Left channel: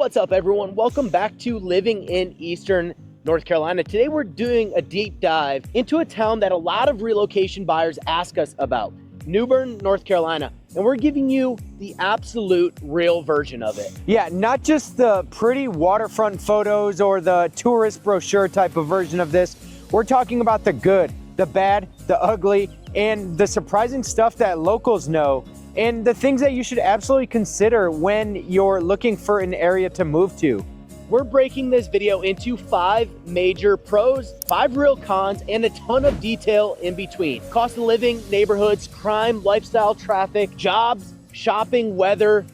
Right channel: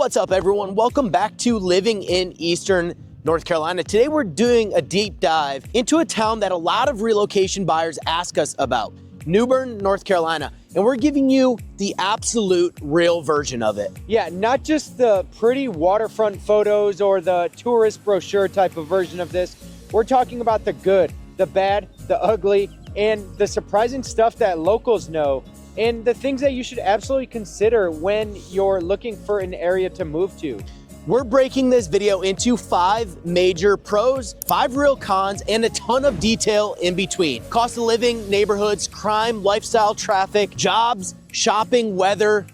What's up, everyone? Welcome back to Living in Eastern North Carolina. Today we're doing a deep dive into a town that a lot of relocation buyers ask us about, New Bern, North Carolina. And we're giving you the absolute real version of it. Yeah, not just the pretty waterfront photos or the tourist brochure type of version of this. We're talking about the good, the bad, the ugly, and the surprising stuff that locals know, and the things that you should absolutely consider when you're looking for an area to move to. We're breaking this video into 5 major pros, 5 real cons, and a ton of detail in between. Cost of living, neighborhoods, crime, lifestyle, traffic, jobs, shopping, weather,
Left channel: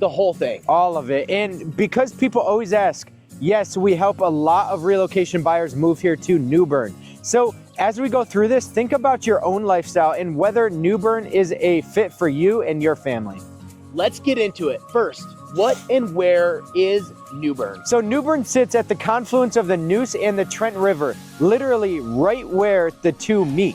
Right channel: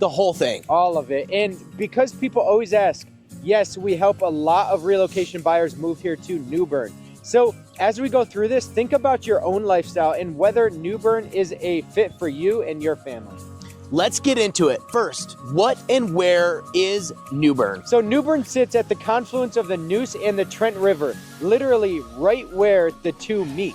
the whole thing. All of it. And because people always ask, yes, we help a lot of relocation buyers move here to New Bern. So as we go through this, think about your own lifestyle and whether New Bern is a fit for you and your family. Let's get into it. First, what and where is New Bern? So New Bern sits at the confluence of the Neuse and the Trent River, literally right where the two meet.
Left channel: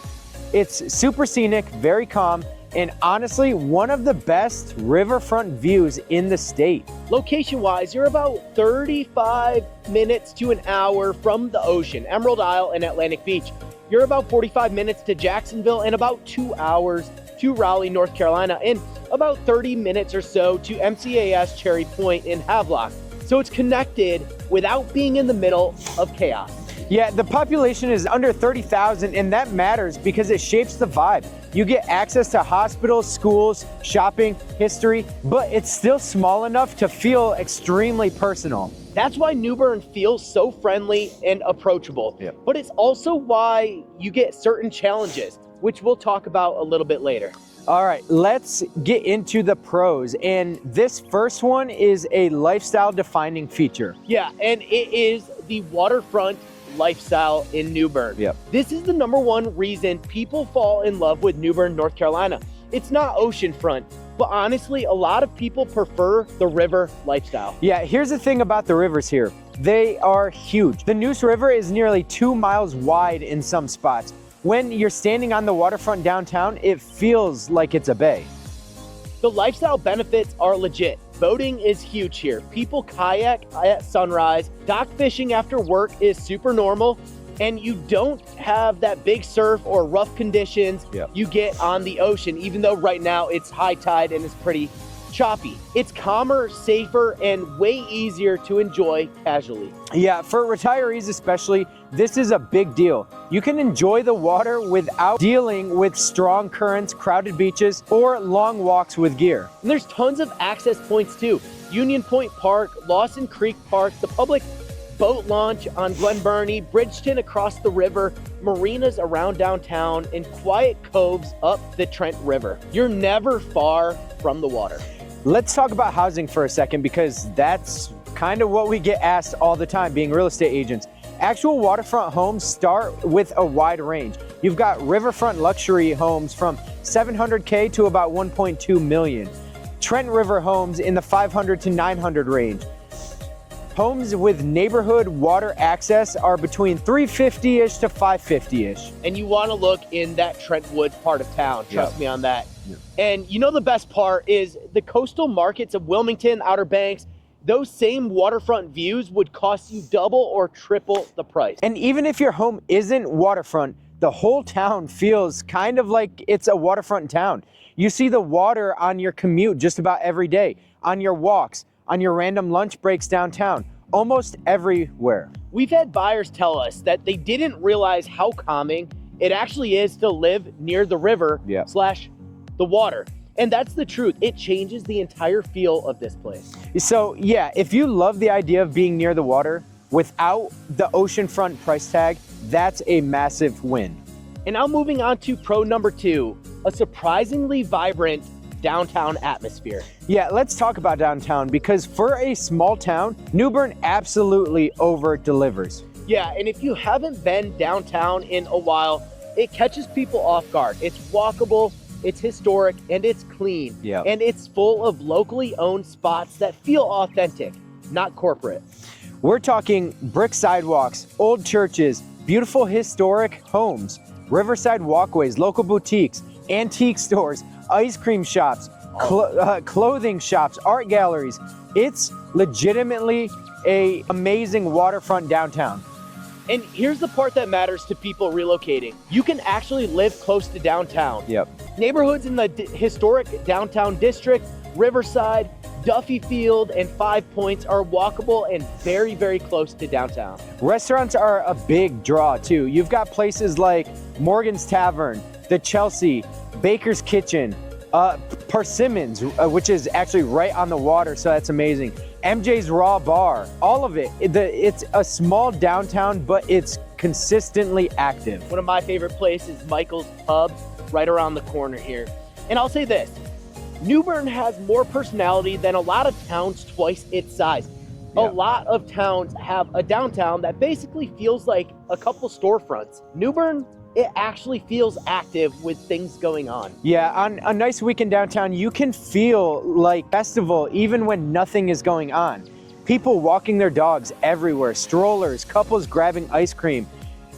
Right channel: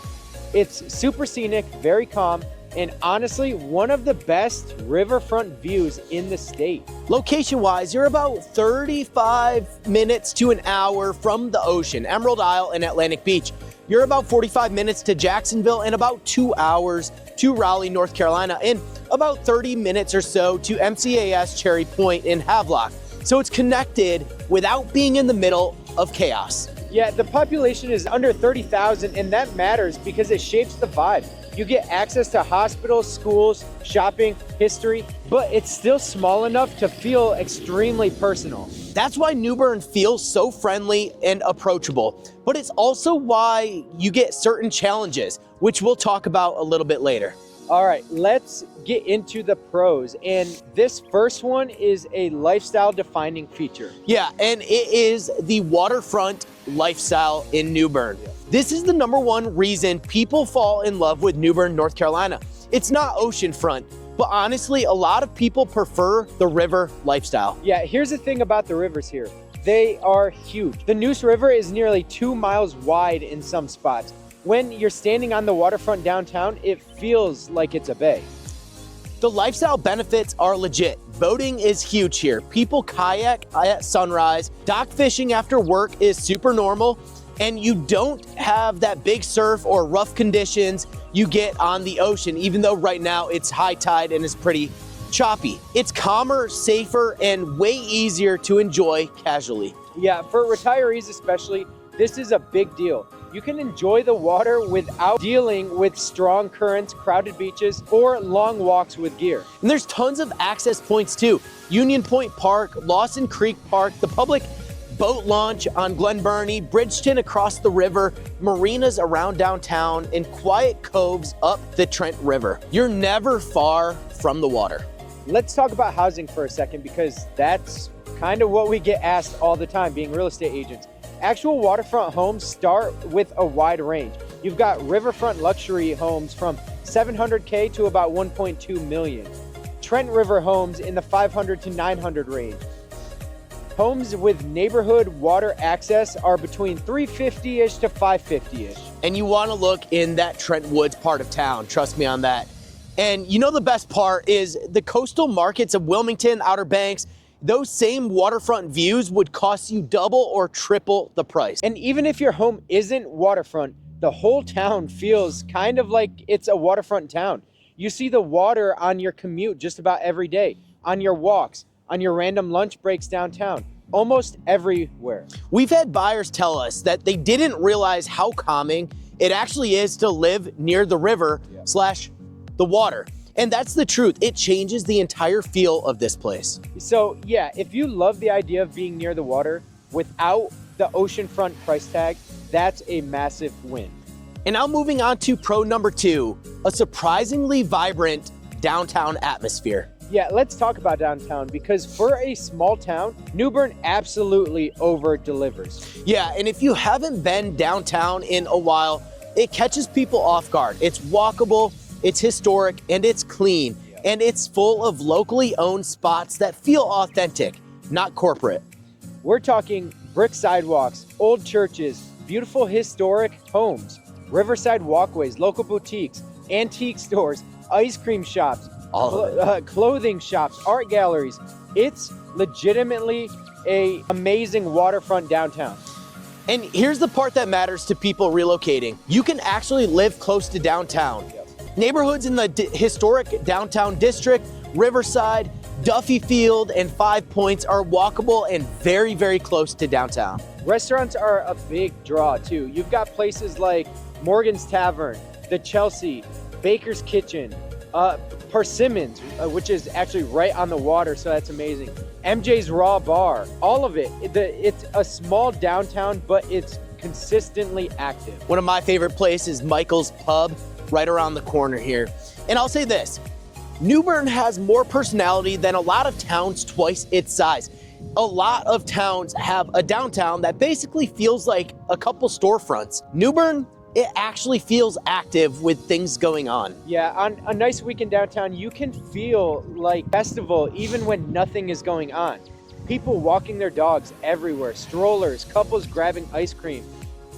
It's super scenic, very calm, and honestly, one of the best riverfront views in the state. Location-wise, you're about 35 minutes to an hour from the ocean, Emerald Isle and Atlantic Beach. You're about 45 minutes to Jacksonville and about 2 hours to Raleigh, North Carolina, and about 30 minutes or so to MCAS Cherry Point in Havelock. So it's connected without being in the middle of chaos. Yeah, the population is under 30,000, and that matters because it shapes the vibe. You get access to hospitals, schools, shopping, history, but it's still small enough to feel extremely personal. That's why New Bern feels so friendly and approachable. Yep. But it's also why you get certain challenges, which we'll talk about a little bit later. All right, let's get into the pros. And this first one is a lifestyle defining feature. Yeah, and it is the waterfront lifestyle in New Bern. Yep. This is the #1 reason people fall in love with New Bern, North Carolina. It's not oceanfront, but honestly, a lot of people prefer the river lifestyle. Yeah, here's the thing about the rivers here. They are huge. The Neuse River is nearly 2 miles wide in some spots. When you're standing on the waterfront downtown, it feels like it's a bay. The lifestyle benefits are legit. Boating is huge here. People kayak at sunrise. Dock fishing after work is super normal. And you don't have that big surf or rough conditions you get on the ocean, even though right now it's high tide and it's pretty choppy. It's calmer, safer, and way easier to enjoy casually. Yeah, for retirees especially, this is a big deal. You can enjoy the water without dealing with strong currents, crowded beaches, or long walks with gear. And there's tons of access points too. Union Point Park, Lawson Creek Park, the public boat launch on Glen Burnie, Bridgeton across the river, marinas around downtown, and quiet coves up the Trent River. You're never far from the water. Let's talk about housing for a second because that's kind of what we get asked all the time being real estate agents. Actual waterfront homes start with a wide range. You've got riverfront luxury homes from $700K to about $1.2 million. Trent River homes in the $500 to $900 range. Homes with neighborhood water access are between $350-ish to $550-ish. And you want to look in that Trent Woods part of town. Trust me on that. And you know the best part is the coastal markets of Wilmington, Outer Banks, those same waterfront views would cost you double or triple the price. And even if your home isn't waterfront, the whole town feels kind of like it's a waterfront town. You see the water on your commute just about every day, on your walks, on your random lunch breaks downtown, almost everywhere. We've had buyers tell us that they didn't realize how calming it actually is to live near the river / the water. And that's the truth. It changes the entire feel of this place. So yeah, if you love the idea of being near the water without the oceanfront price tag, that's a massive win. And now moving on to pro #2, a surprisingly vibrant downtown atmosphere. Yeah, let's talk about downtown because for a small town, New Bern absolutely over delivers. Yeah, and if you haven't been downtown in a while, it catches people off guard. It's walkable, it's historic, and it's clean. Yeah. And it's full of locally owned spots that feel authentic, not corporate. We're talking brick sidewalks, old churches, beautiful historic homes, riverside walkways, local boutiques, antique stores, ice cream shops, clothing shops, art galleries. It's legitimately a amazing waterfront downtown. And here's the part that matters to people relocating. You can actually live close to downtown. Yep. Neighborhoods in the historic downtown district, Riverside, Duffy Field, and Five Points are walkable and very, very close to downtown. Restaurants are a big draw too. You've got places like Morgan's Tavern, the Chelsea, Baker's Kitchen, Persimmons, which is actually right on the water, so that's amazing. MJ's Raw Bar, all of it. It's a small downtown, but it's consistently active. One of my favorite places, Michael's Pub, right around the corner here. And I'll say this, New Bern has more personality than a lot of towns twice its size. A lot of towns have a downtown that basically feels like a couple storefronts. New Bern, it actually feels active with things going on. Yeah, on a nice weekend downtown, you can feel like festival even when nothing is going on. People walking their dogs everywhere, strollers, couples grabbing ice cream.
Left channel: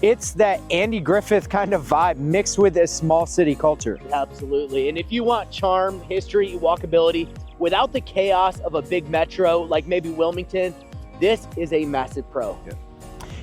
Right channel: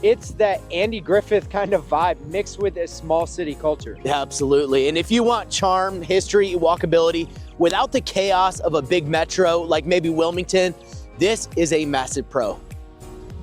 It's that Andy Griffith kind of vibe mixed with a small city culture. Yeah, absolutely. And if you want charm, history, walkability, without the chaos of a big metro like maybe Wilmington, this is a massive pro. Yeah.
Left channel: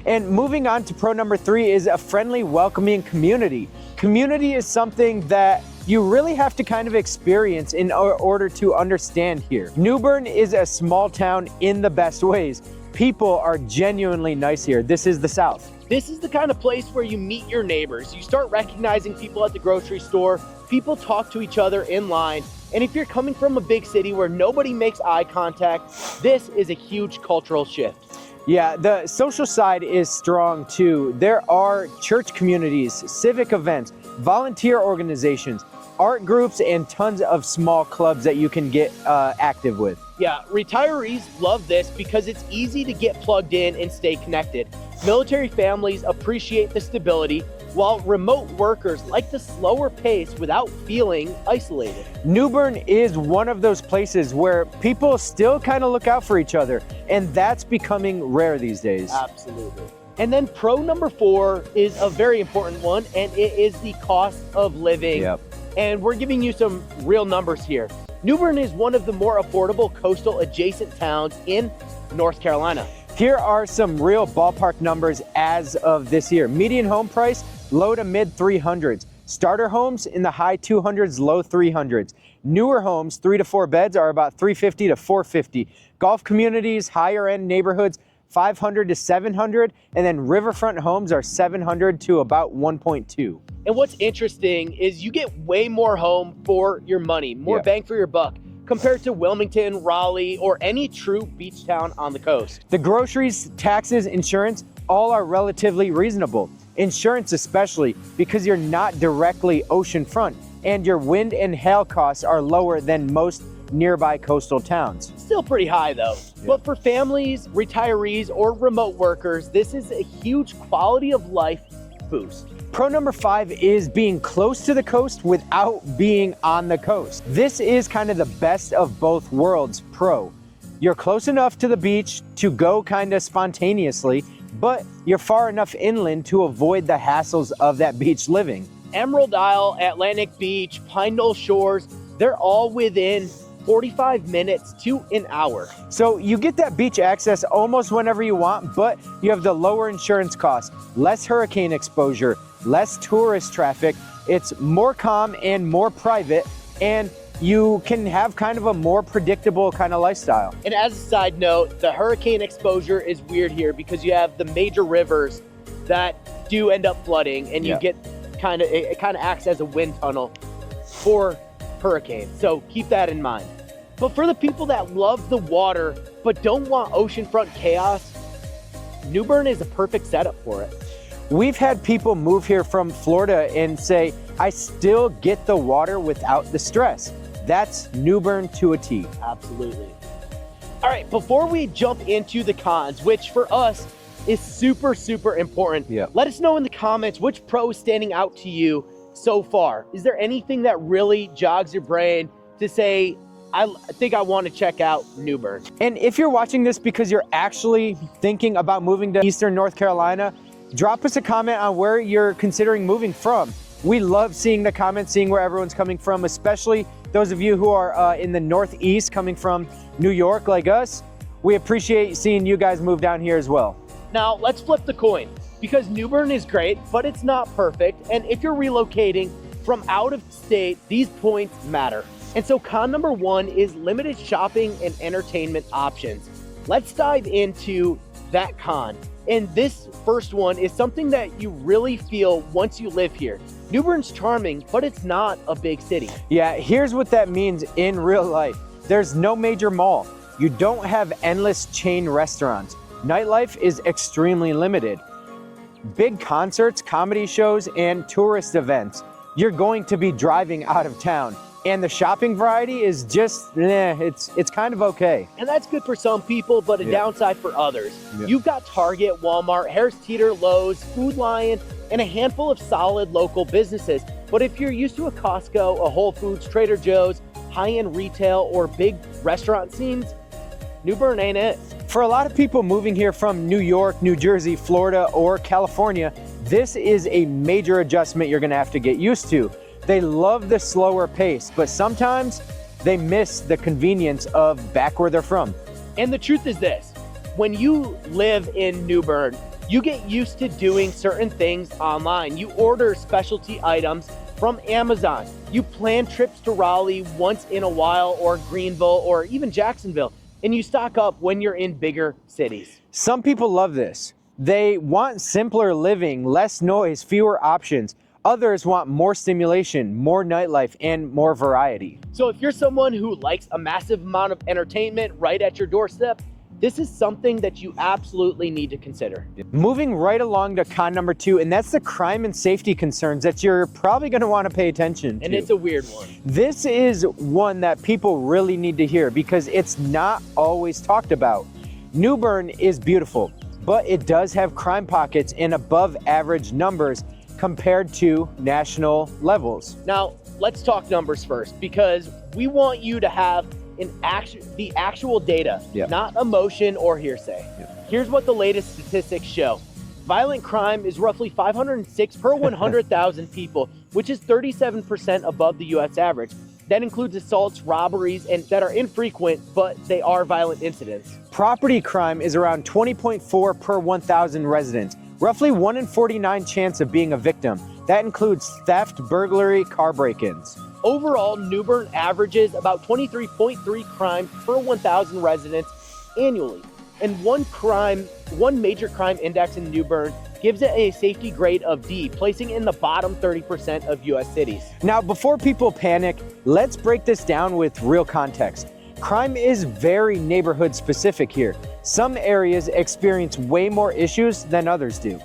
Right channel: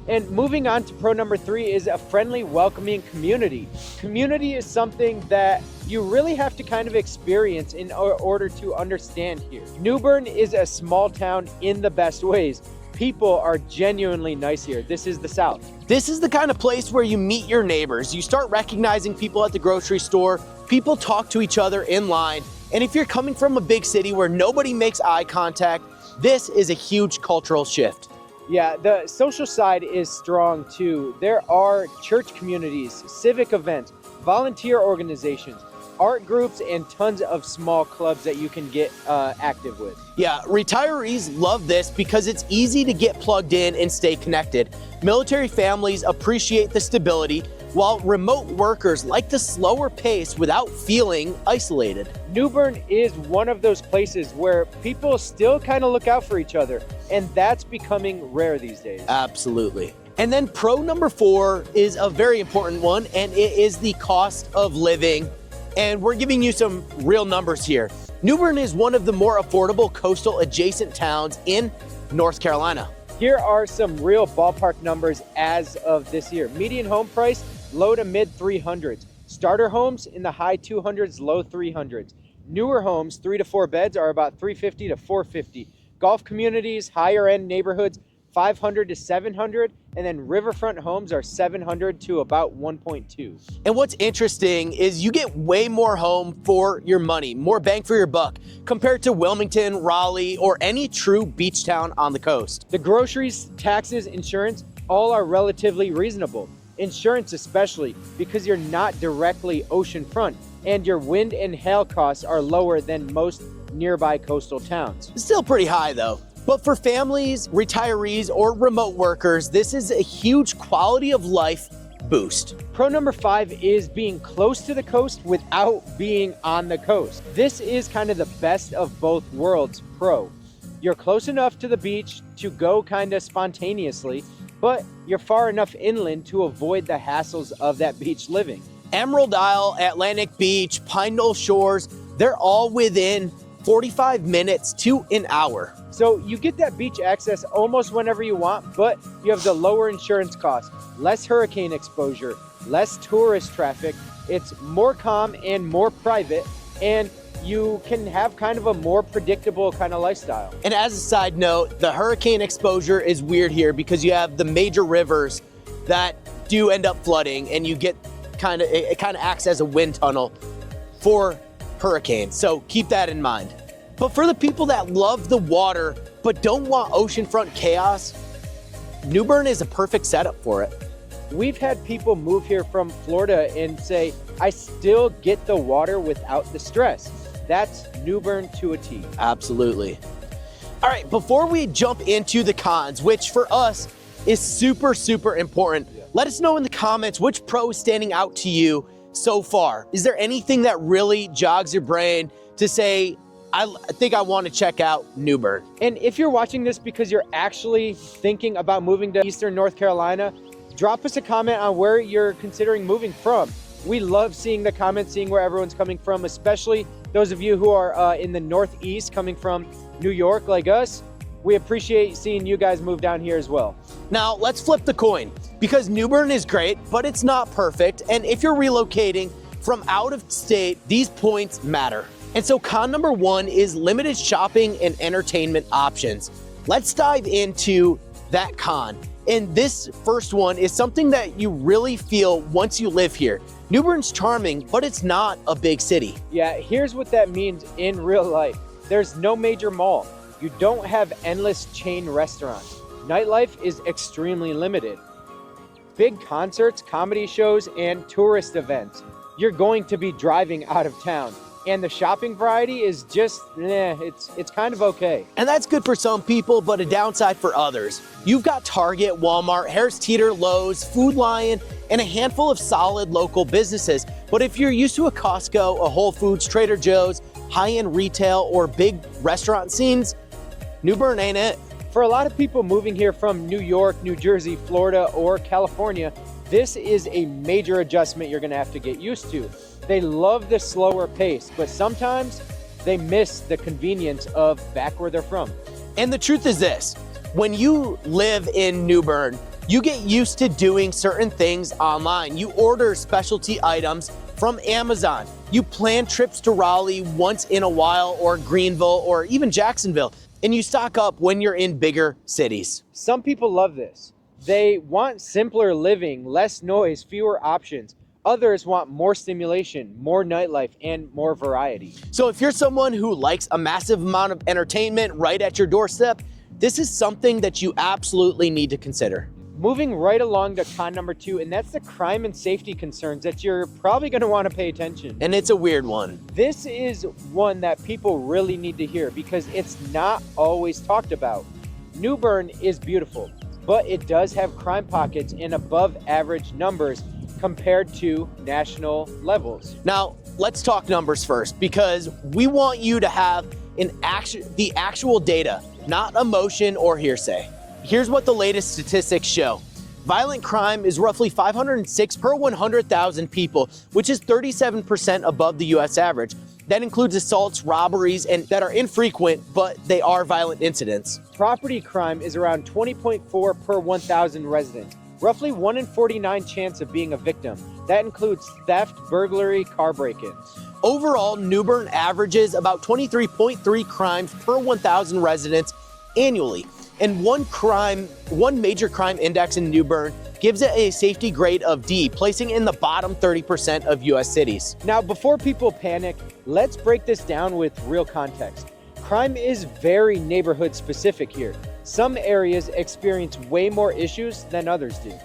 And moving on to pro number 3 is a friendly, welcoming community. Community is something that you really have to kind of experience in order to understand here. New Bern is a small town in the best ways. People are genuinely nice here. This is the South. This is the kind of place where you meet your neighbors. You start recognizing people at the grocery store. People talk to each other in line. And if you're coming from a big city where nobody makes eye contact, this is a huge cultural shift. Yeah, the social side is strong too. There are church communities, civic events, volunteer organizations, art groups, and tons of small clubs that you can get active with. Yeah, retirees love this because it's easy to get plugged in and stay connected. Military families appreciate the stability, while remote workers like the slower pace without feeling isolated. New Bern is one of those places where people still kind of look out for each other, and that's becoming rare these days. Absolutely. And then pro number 4 is a very important one, and it is the cost of living. Yep. And we're giving you some real numbers here. New Bern is one of the more affordable coastal adjacent towns in North Carolina. Here are some real ballpark numbers as of this year. Median home price, low to mid 300s. Starter homes in the high 200s, low 300s. Newer homes, 3 to 4 beds, are about 350 to 450. Golf communities, higher end neighborhoods, 500 to 700, and then riverfront homes are 700 to about 1.2. And what's interesting is you get way more home for your money, more bang for your buck, compared to Wilmington, Raleigh, or any true beach town on the coast. The groceries, taxes, insurance, all are relatively reasonable. Insurance especially, because you're not directly oceanfront, and your wind and hail costs are lower than most nearby coastal towns. Still pretty high though. But for families, retirees, or remote workers, this is a huge quality of life boost. Pro number 5 is being close to the coast without being on the coast. This is kind of the best of both worlds pro. You're close enough to the beach to go kind of spontaneously, but you're far enough inland to avoid the hassles of that beach living. Emerald Isle, Atlantic Beach, Pine Knoll Shores, they're all within 45 minutes to an hour. So you get that beach access almost whenever you want, but you have the lower insurance costs, less hurricane exposure, less tourist traffic. It's more calm and more private, and you can have kind of a more predictable kind of lifestyle. And as a side note, the hurricane exposure is weird here because you have the major rivers that do end up flooding, and you get it kind of acts as a wind tunnel for hurricanes. So keep that in mind. But for the people that love the water but don't want oceanfront chaos, New Bern is a perfect setup for it. We've had people move here from Florida and say, I still get the water without the stress. That's New Bern to a T. Absolutely. All right, before we jump into the cons, which for us is super, super important, let us know in the comments which pro is standing out to you so far. Is there anything that really jogs your brain to say, I think I want to check out New Bern? And if you're watching this because you're actually thinking about moving to Eastern North Carolina, drop us a comment on where you're considering moving from. We love seeing the comments, seeing where everyone's coming from, especially those of you who are in the Northeast coming from New York like us. we appreciate seeing you guys move down here as well. Now, let's flip the coin, because New Bern is great, but it's not perfect. And if you're relocating from out of state, these points matter. And so con number 1 is limited shopping and entertainment options. Let's dive into that con. And this first one is something that you really feel once you live here. New Bern's charming, but it's not a big city. Yeah, here's what that means in real life. There's no major mall. You don't have endless chain restaurants. Nightlife is extremely limited. Big concerts, comedy shows, and tourist events. You're going to be driving out of town. And the shopping variety is just, it's kind of okay. And that's good for some people, but a downside for others. You've got Target, Walmart, Harris Teeter, Lowe's, Food Lion, and a handful of solid local businesses. But if you're used to a Costco, a Whole Foods, Trader Joe's, high-end retail, or big restaurant scenes, New Bern ain't it. For a lot of people moving here from New York, New Jersey, Florida, or California, this is a major adjustment you're gonna have to get used to. They love the slower pace, but sometimes they miss the convenience of back where they're from. And the truth is this, when you live in New Bern, you get used to doing certain things online. You order specialty items from Amazon. You plan trips to Raleigh once in a while, or Greenville, or even Jacksonville, and you stock up when you're in bigger cities. Some people love this. They want simpler living, less noise, fewer options. Others want more stimulation, more nightlife, and more variety. So if you're someone who likes a massive amount of entertainment right at your doorstep, this is something that you absolutely need to consider. Moving right along to con number 2, and that's the crime and safety concerns that you're probably gonna wanna pay attention to. And it's a weird one. This is one that people really need to hear because it's not always talked about. New Bern is beautiful, but it does have crime pockets in above average numbers compared to national levels. Now, let's talk numbers first, because we want you to have the actual data, not emotion or hearsay. Here's what the latest statistics show. Violent crime is roughly 506 per 100,000 people, which is 37% above the US average. That includes assaults, robberies, and that are infrequent, but they are violent incidents. Property crime is around 20.4 per 1,000 residents, roughly 1 in 49 chance of being a victim. That includes theft, burglary, car break-ins. Overall, New Bern averages about 23.3 crimes per 1,000 residents annually. And one major crime index in New Bern gives it a safety grade of D, placing it in the bottom 30% of US cities. Now, before people panic, let's break this down with real context. Crime is very neighborhood specific here. Some areas experience way more issues than others do.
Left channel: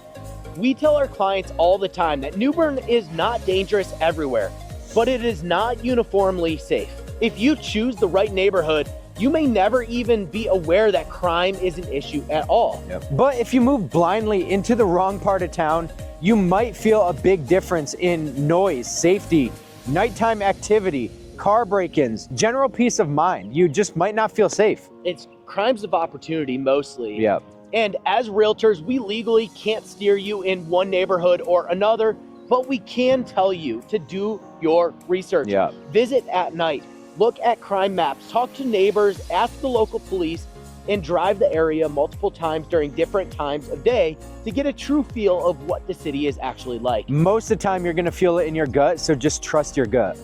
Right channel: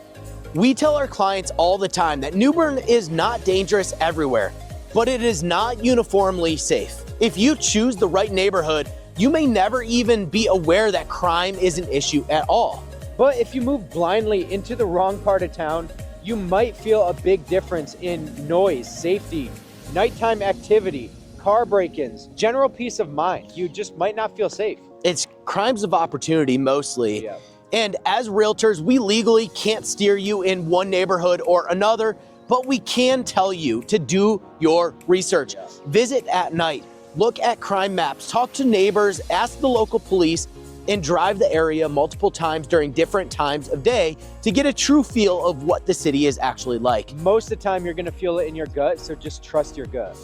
We tell our clients all the time that New Bern is not dangerous everywhere, but it is not uniformly safe. If you choose the right neighborhood, you may never even be aware that crime is an issue at all. But if you move blindly into the wrong part of town, you might feel a big difference in noise, safety, nighttime activity, car break-ins, general peace of mind. You just might not feel safe. It's crimes of opportunity mostly. And as realtors, we legally can't steer you in one neighborhood or another, but we can tell you to do your research. Visit at night, look at crime maps, talk to neighbors, ask the local police, and drive the area multiple times during different times of day to get a true feel of what the city is actually like. Most of the time you're gonna feel it in your gut, so just trust your gut.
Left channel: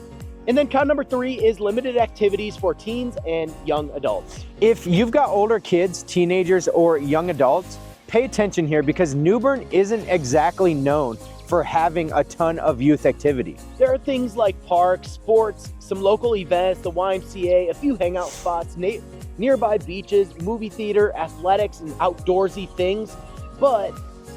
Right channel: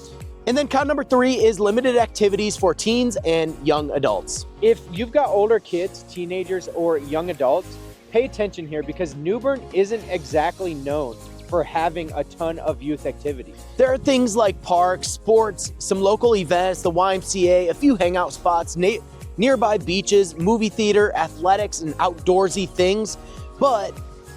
And then con number 3 is limited activities for teens and young adults. If you've got older kids, teenagers, or young adults, pay attention here because New Bern isn't exactly known for having a ton of youth activity. There are things like parks, sports, some local events, the YMCA, a few hangout spots, nearby beaches, movie theater, athletics, and outdoorsy things. But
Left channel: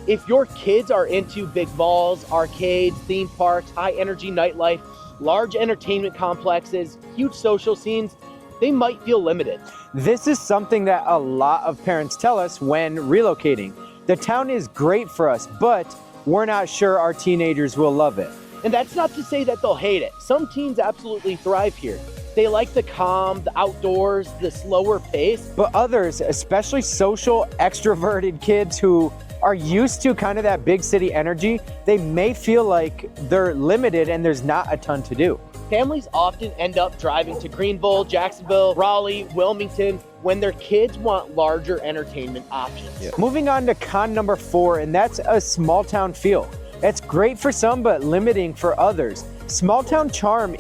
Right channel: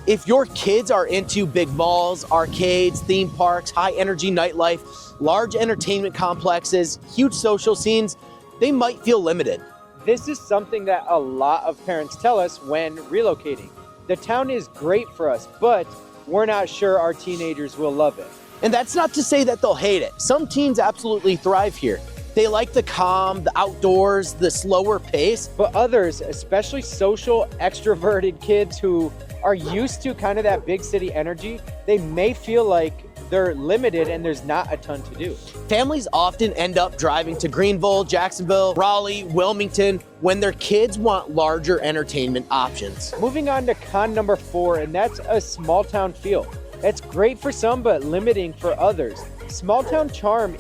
if your kids are into big malls, arcades, theme parks, high energy nightlife, large entertainment complexes, huge social scenes, they might feel limited. This is something that a lot of parents tell us when relocating. The town is great for us, but we're not sure our teenagers will love it. And that's not to say that they'll hate it. Some teens absolutely thrive here. They like the calm, the outdoors, the slower pace. But others, especially social, extroverted kids who are used to kind of that big city energy, they may feel like they're limited and there's not a ton to do. Families often end up driving to Greenville, Jacksonville, Raleigh, Wilmington when their kids want larger entertainment options. Moving on to con number 4, and that's a small town feel. It's great for some, but limiting for others. Small town charm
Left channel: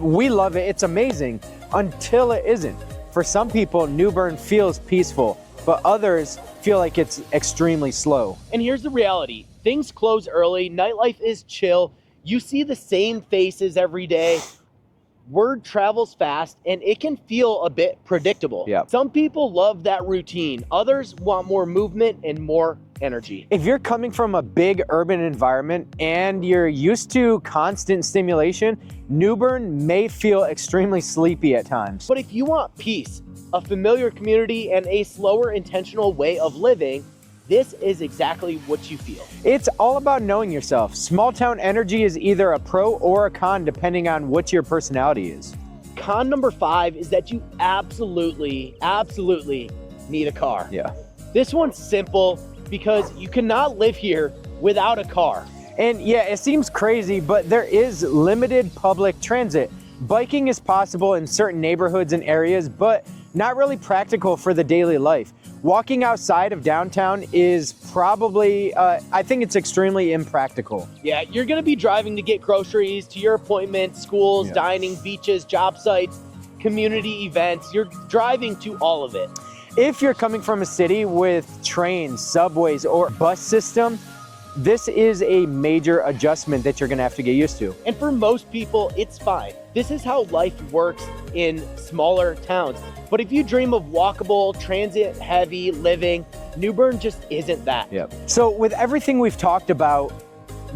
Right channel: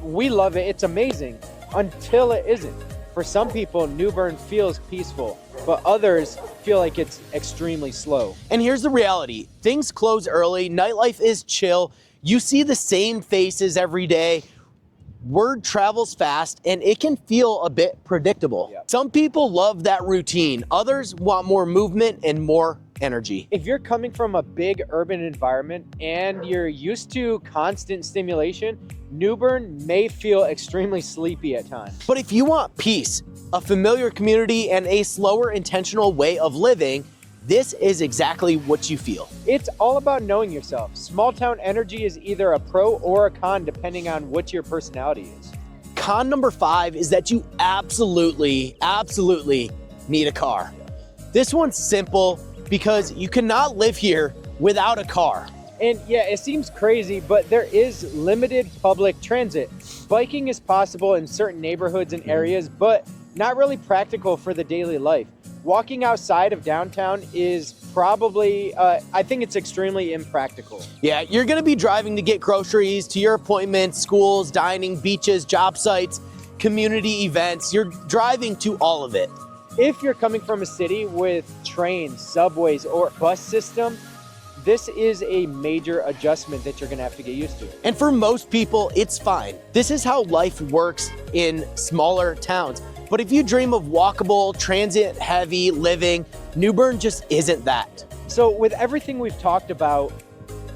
we love it, it's amazing, until it isn't. For some people, New Bern feels peaceful, but others feel like it's extremely slow. And here's the reality. Things close early, nightlife is chill, you see the same faces every day, word travels fast, and it can feel a bit predictable. Yep. Some people love that routine, others want more movement and more energy. If you're coming from a big urban environment and you're used to constant stimulation, New Bern may feel extremely sleepy at times. But if you want peace, a familiar community, and a slower, intentional way of living, this is exactly what you feel. It's all about knowing yourself. Small town energy is either a pro or a con depending on what your personality is. Con number 5 is that you absolutely need a car. Yeah. This one's simple because you cannot live here without a car. And yeah, it seems crazy, but there is limited public transit. Biking is possible in certain neighborhoods and areas, but not really practical for the daily life. Walking outside of downtown is probably, I think it's extremely impractical. Yeah, you're gonna be driving to get groceries, to your appointments, schools, dining, beaches, job sites, community events. You're driving to all of it. If you're coming from a city with trains, subways, or bus system, this is a major adjustment that you're gonna have to get used to. And for most people, it's fine. This is how life works in smaller towns. But if you dream of walkable, transit-heavy living, New Bern just isn't that. Yep. So with everything we've talked about,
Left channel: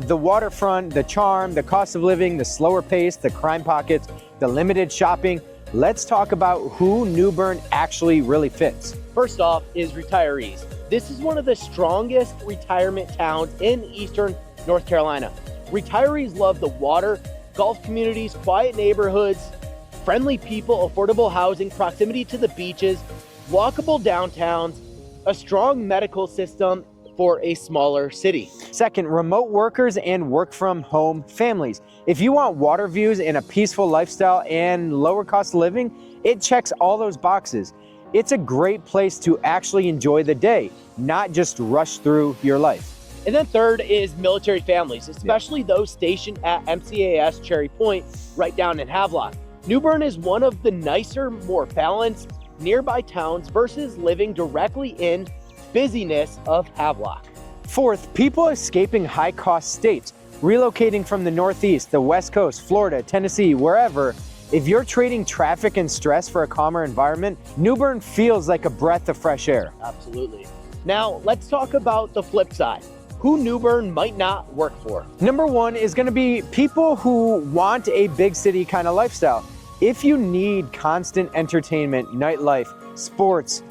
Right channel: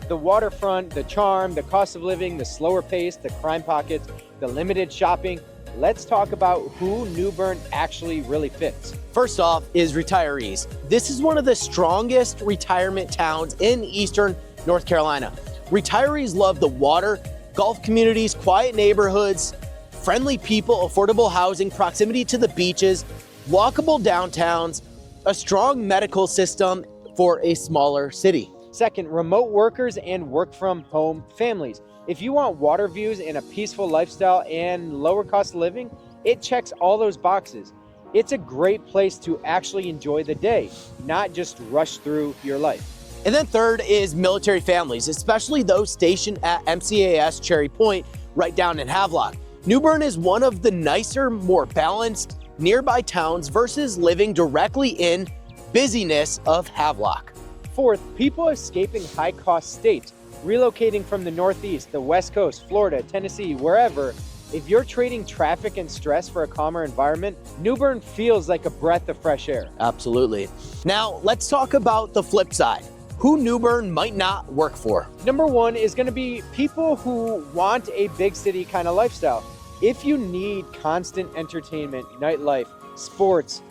the waterfront, the charm, the cost of living, the slower pace, the crime pockets, the limited shopping, let's talk about who New Bern actually really fits. First off is retirees. This is one of the strongest retirement towns in eastern North Carolina. Retirees love the water, golf communities, quiet neighborhoods, friendly people, affordable housing, proximity to the beaches, walkable downtowns, a strong medical system for a smaller city. Second, remote workers and work from home families. If you want water views and a peaceful lifestyle and lower cost of living, it checks all those boxes. It's a great place to actually enjoy the day, not just rush through your life. And then third is military families, especially those stationed at MCAS Cherry Point, right down in Havelock. New Bern is one of the nicer, more balanced nearby towns versus living directly in busyness of Havelock. Fourth, people escaping high-cost states, relocating from the Northeast, the West Coast, Florida, Tennessee, wherever. If you're trading traffic and stress for a calmer environment, New Bern feels like a breath of fresh air. Absolutely. Now, let's talk about the flip side. Who New Bern might not work for. Number 1 is going to be people who want a big city kind of lifestyle. If you need constant entertainment, nightlife, sports,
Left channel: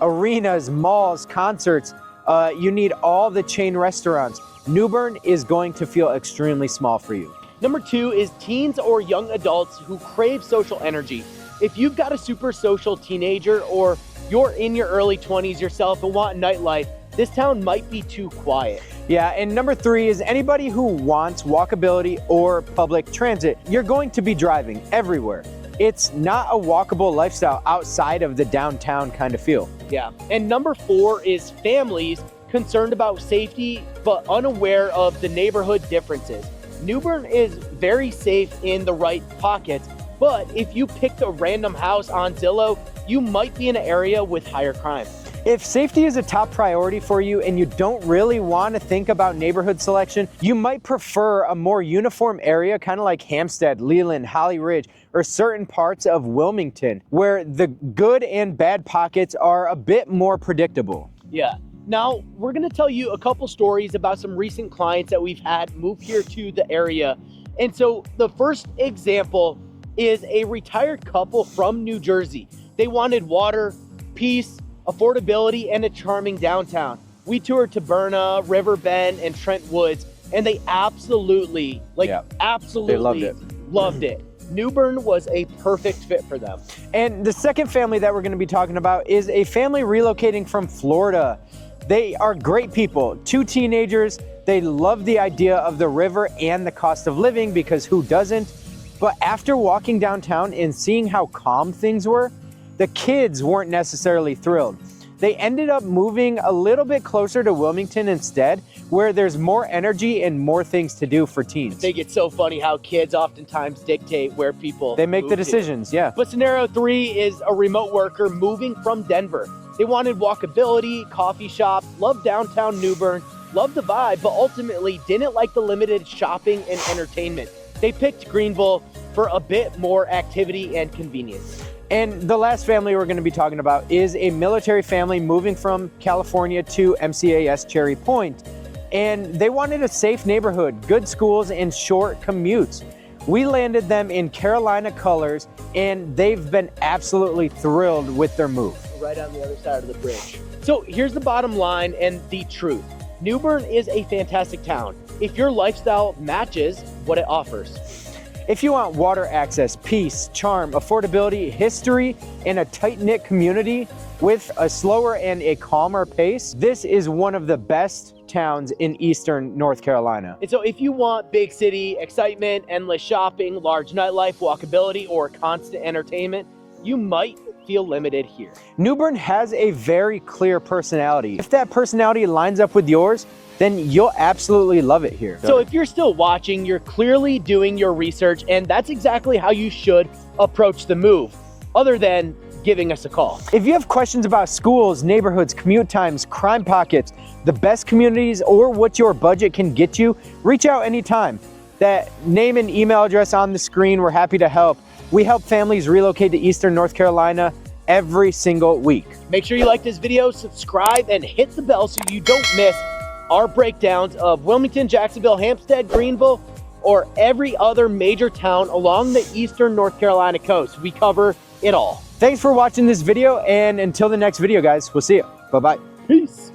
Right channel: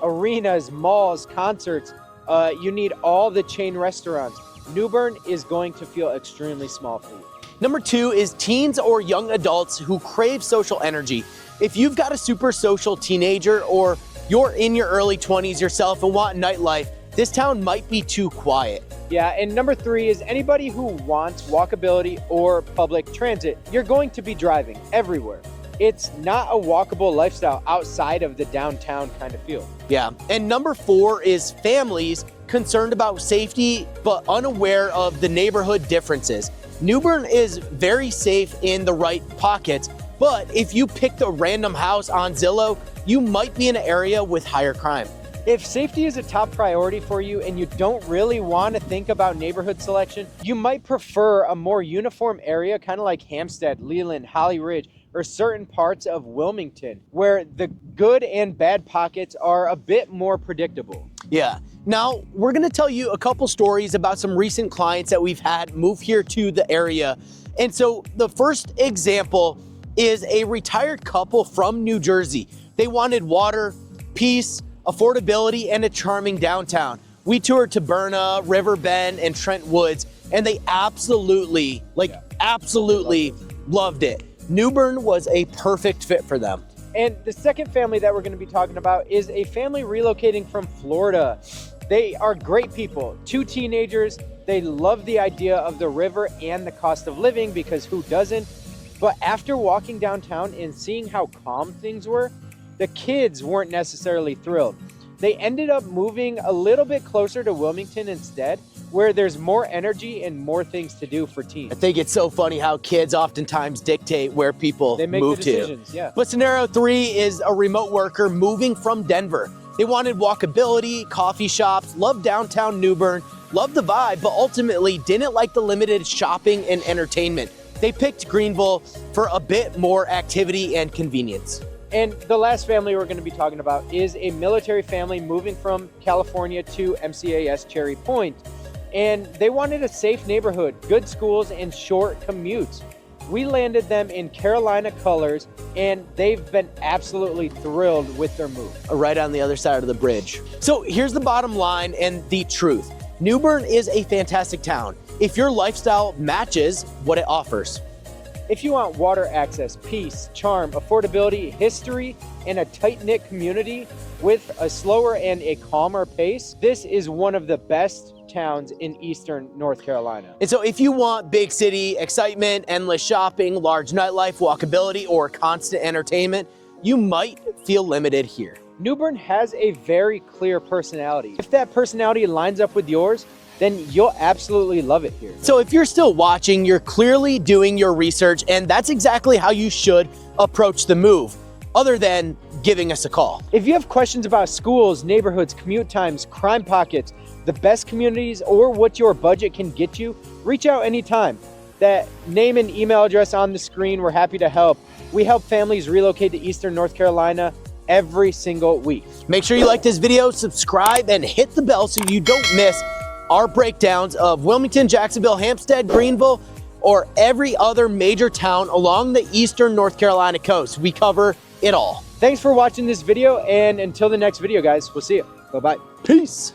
arenas, malls, concerts, you need all the chain restaurants, New Bern is going to feel extremely small for you. Number 2 is teens or young adults who crave social energy. If you've got a super social teenager or you're in your early 20s yourself and want nightlife, this town might be too quiet. Yeah, and number 3 is anybody who wants walkability or public transit. You're going to be driving everywhere. It's not a walkable lifestyle outside of the downtown kind of feel. Yeah, and number 4 is families concerned about safety but unaware of the neighborhood differences. New Bern is very safe in the right pockets, but if you picked a random house on Zillow, you might be in an area with higher crime. If safety is a top priority for you and you don't really want to think about neighborhood selection, you might prefer a more uniform area, kind of like Hampstead, Leland, Holly Ridge, or certain parts of Wilmington, where the good and bad pockets are a bit more predictable. Yeah. Now, we're gonna tell you a couple stories about some recent clients that we've had move here to the area. And so the first example is a retired couple from New Jersey. They wanted water, peace, affordability, and a charming downtown. We toured to Bern, River Bend, and Trent Woods, and they absolutely loved it. New Bern was a perfect fit for them. And the second family that we're going to be talking about is a family relocating from Florida. They are great people, 2 teenagers. They love the idea of the river and the cost of living, because who doesn't? But after walking downtown and seeing how calm things were, the kids weren't necessarily thrilled. They ended up moving a little bit closer to Wilmington instead, where there's more energy and more things to do for teens. I think it's so funny how kids oftentimes dictate where people They make move the decisions, to. yeah. But scenario 3 is a remote worker moving from Denver. They wanted walkability, coffee shops, loved downtown New Bern, loved the vibe, but ultimately didn't like the limited shopping and entertainment. They picked Greenville for a bit more activity and convenience. And the last family we're going to be talking about is a military family moving from California to MCAS Cherry Point. And they wanted a safe neighborhood, good schools, and short commutes. We landed them in Carolina colors, and they've been absolutely thrilled with their move. Right on the other side of the bridge. So here's the bottom line and the truth. New Bern is a fantastic town if your lifestyle matches what it offers. If you want water access, peace, charm, affordability, history, and a tight-knit community with a slower and a calmer pace, this is one of the best towns in eastern North Carolina. And so if you want big city excitement, endless shopping, large nightlife, walkability, or constant entertainment, you might feel limited here. New Bern has a very clear personality. If that personality lines up with yours, then you'll absolutely love it here. So if you're still watching, you're clearly doing your research, and that's exactly how you should approach the move, other than giving us a call. If you have questions about schools, neighborhoods, commute times, crime pockets, the best communities, or what your budget can get you, reach out anytime. That name and email address on the screen, we're happy to help. We help families relocate to eastern North Carolina every single week. Make sure you like this video, subscribe, and hit the bell so you don't miss our breakdowns of Wilmington, Jacksonville, Hampstead, Greenville, or every other major town along the eastern North Carolina coast. We cover it all. Thanks for watching this video, and until the next video, guys, we'll see you. Bye-bye. Peace.